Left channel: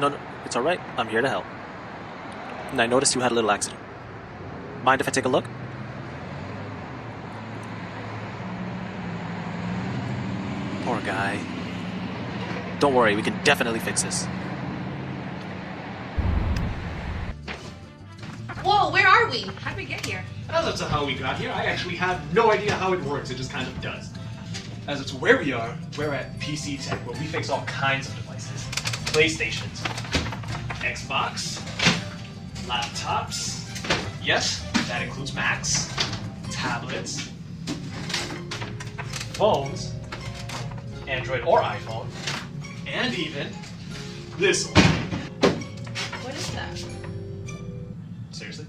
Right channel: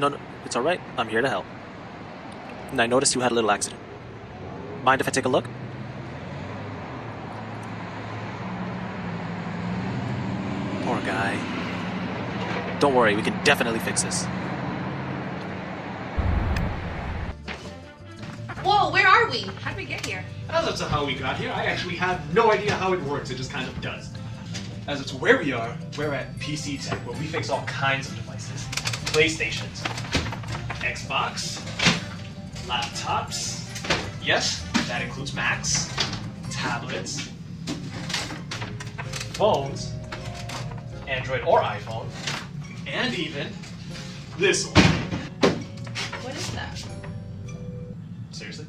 No, it's alright. I'm here to help. And I noticed you had a little accident. Mind if I take a look? Poor guy. Don't worry, we can definitely fix this. Whoa, where are we? How did we get here? How the hell we got here? I actually have no idea how it works. It just kind of does. As it's where we are, we're at PC Tech, where we fix all kinds of devices. PlayStations, Xbox, laptops, yes, that includes Macs, tablets, phones, Android or iPhone, and even this one. What is that? Seriously?